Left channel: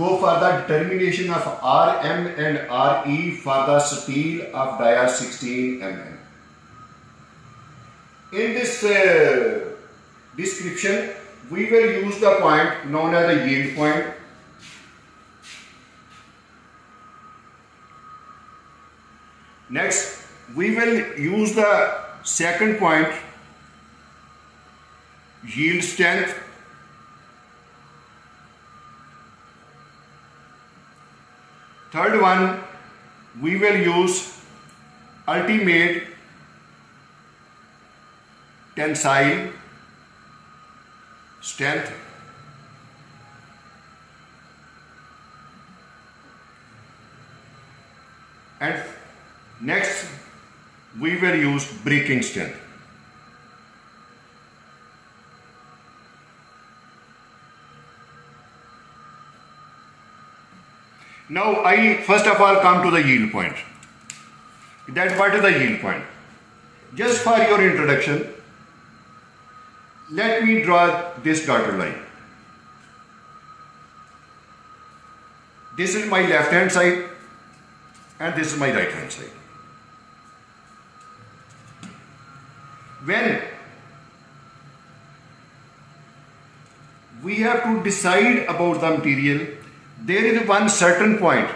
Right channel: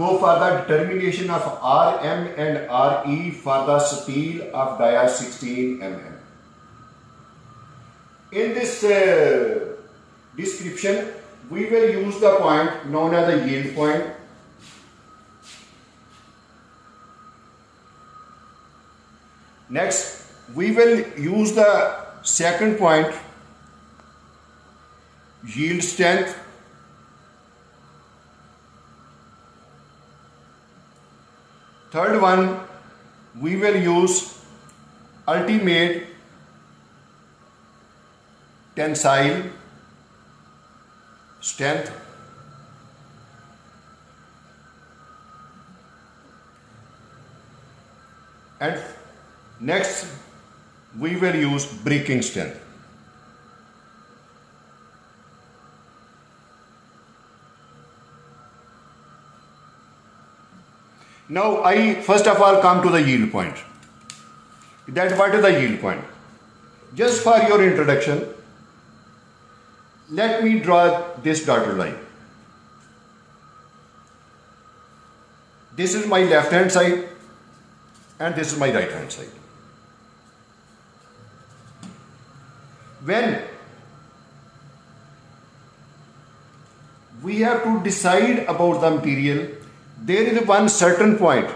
go for the determination of Rm and Re for the steel of dia 16 mm. In this description, we will use the point known as the yield point. Next, we will use the second point, yield strength. Third one, we will use ultimate tensile strength. And next, we will use breaking strength. Now, I first of all come to the yield point. What is the yield point? Just for your introduction, let me draw this dotted line. This is my left hand side and this is my right hand side. When we have to decide about the material, there is one certain point.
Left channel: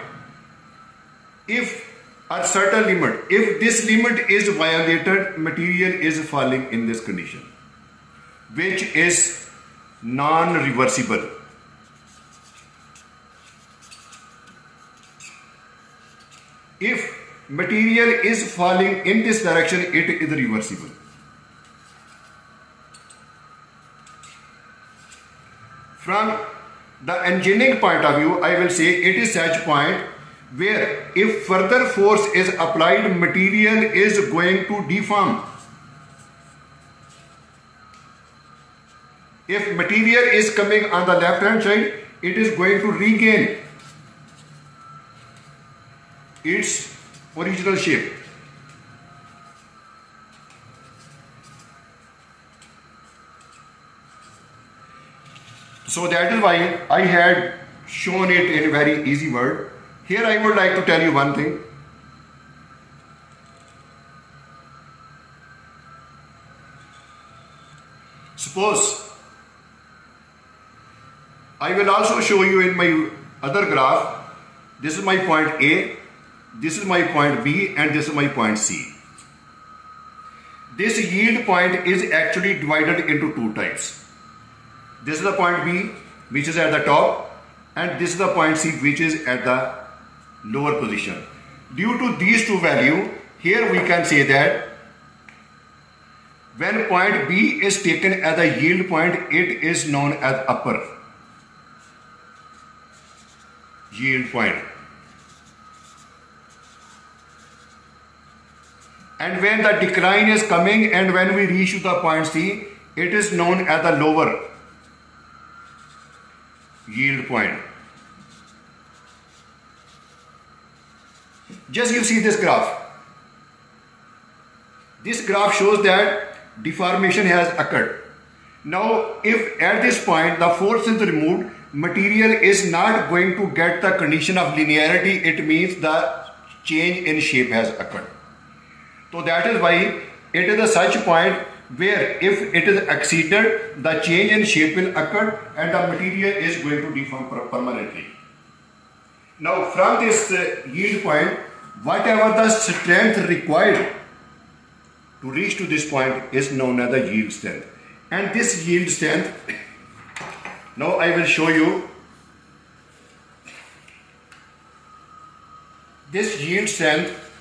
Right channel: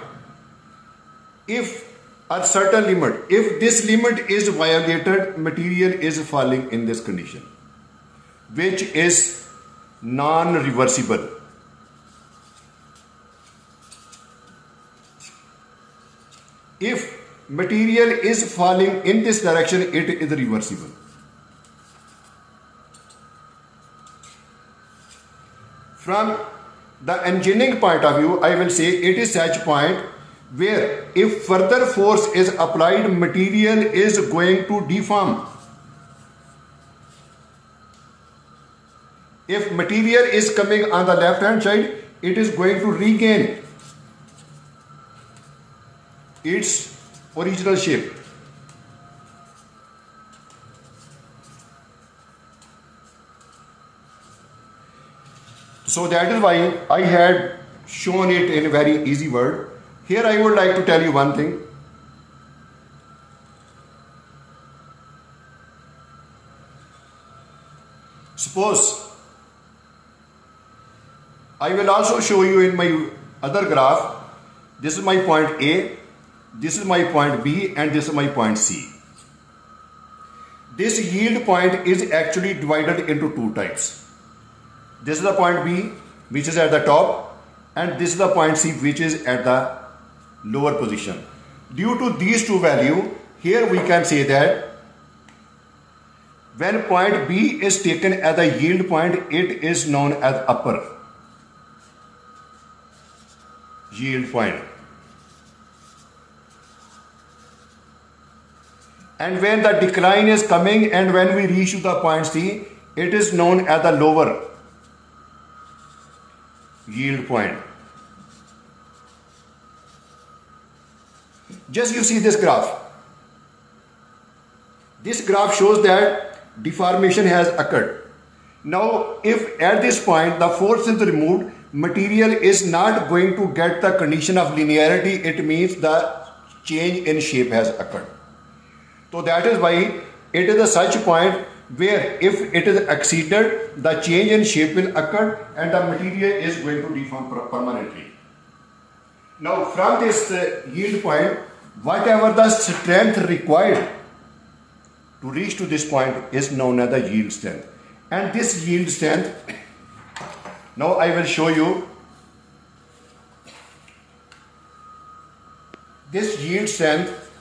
If a certain limit, if this limit is violated, material is falling in this condition, which is non-reversible. If material is falling in this direction, it is reversible. From the engineering point of view, I will say it is such point where if further force is applied, material is going to deform. If material is coming on the left hand side, it is going to regain its original shape. So that is why I had shown it in a very easy word. Here I would like to tell you one thing. Suppose I will also show you in my other graph. This is my point A, this is my point B, and this is my point C. This yield point is actually divided into two types. This is the point B, which is at the top, and this is the point C, which is at the lower position. Due to these two values, here we can say that when point B is taken as a yield point, it is known as upper yield point. And when the decline is coming and when we reach to the point C, it is known as the lower yield point. Just you see this graph. This graph shows that deformation has occurred. Now, if at this point the force is removed, material is not going to get the condition of linearity. It means the change in shape has occurred. So that is why it is a such point where if it is exceeded, the change in shape will occur and the material is going to deform permanently. Now from this yield point, whatever the strength required to reach to this point is known as the yield strength. And this yield strength, now I will show you. This yield strength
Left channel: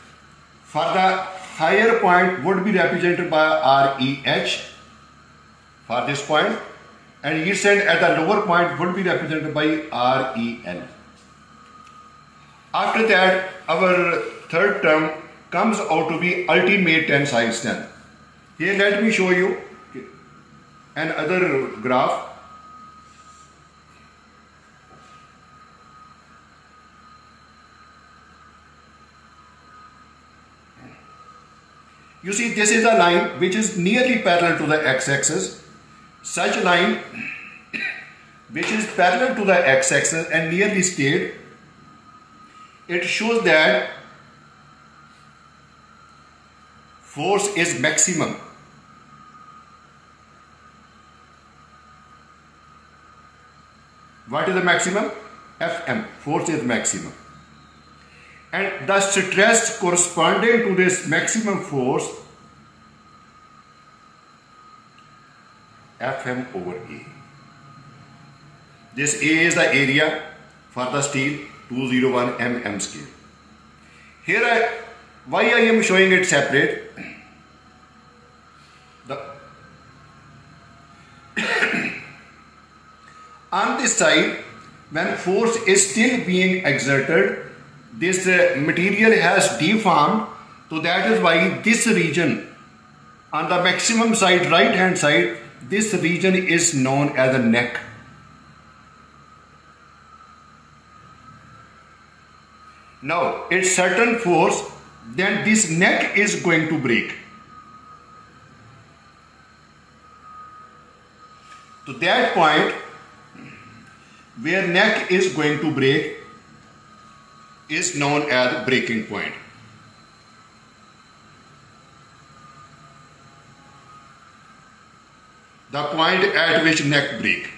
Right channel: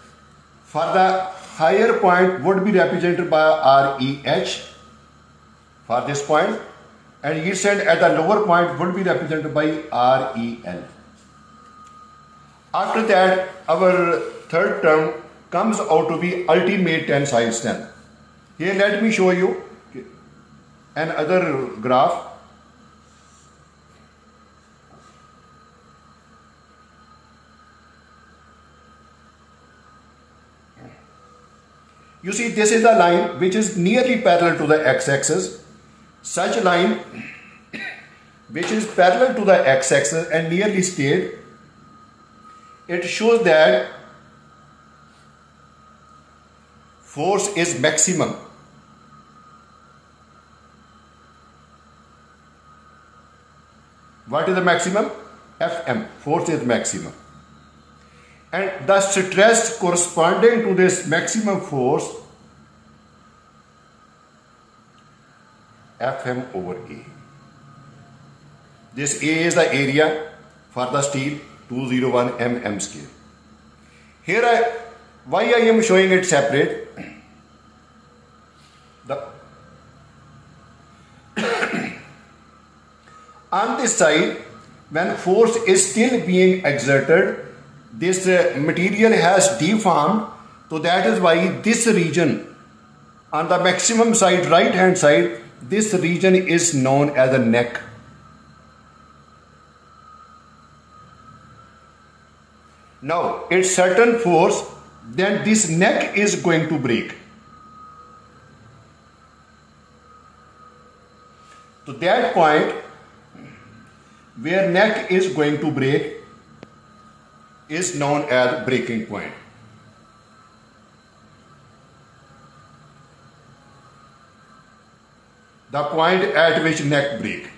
for the higher point would be represented by REH for this point, and yield strength at the lower point would be represented by REL. After that, our third term comes out to be ultimate tensile strength. Here let me show you another graph. You see, this is a line which is nearly parallel to the x-axis. Such line which is parallel to the x-axis and nearly straight, it shows that force is maximum. What is the maximum? Fm, force is maximum. And the stress corresponding to this maximum force, Fm over A. This A is the area for the steel, 201 mm steel. Here why I am showing it separate? On this side, when force is still being exerted, this material has deformed, so that is why this region on the maximum side, right hand side, this region is known as a neck. Now, at certain force, then this neck is going to break. So that point where neck is going to break is known as breaking point. The point at which neck break.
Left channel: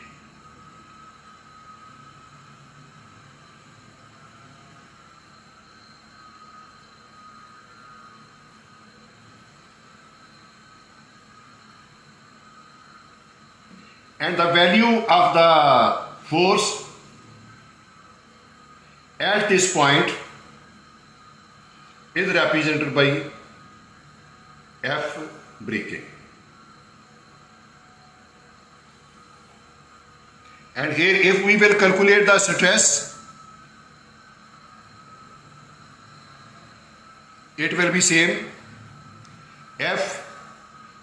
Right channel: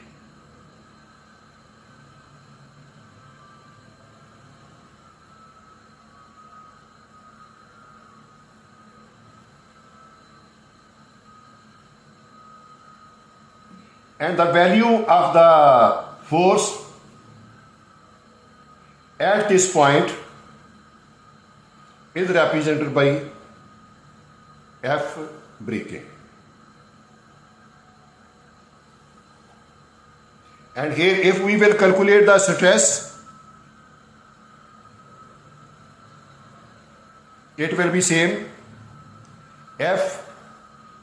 And the value of the force at this point is represented by F breaking. And here if we will calculate the stress, it will be same, F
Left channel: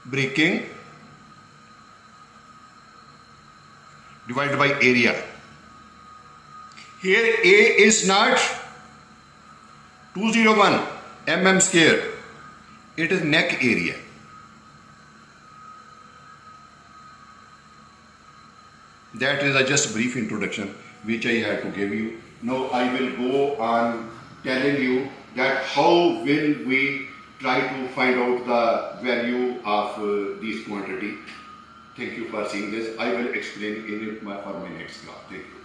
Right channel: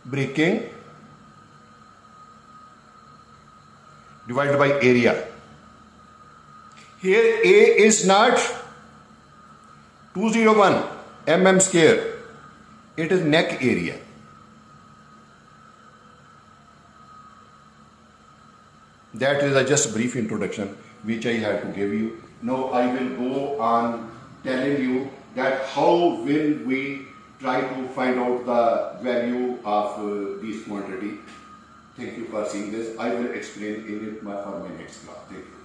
breaking divided by area. Here A is not 201 mm square, it is neck area. That is just a brief introduction which I had to give you. Now I will go on telling you that how will we try to find out the value of this quantity. Thank you for seeing this. I will explain in it for my next class. Thank you.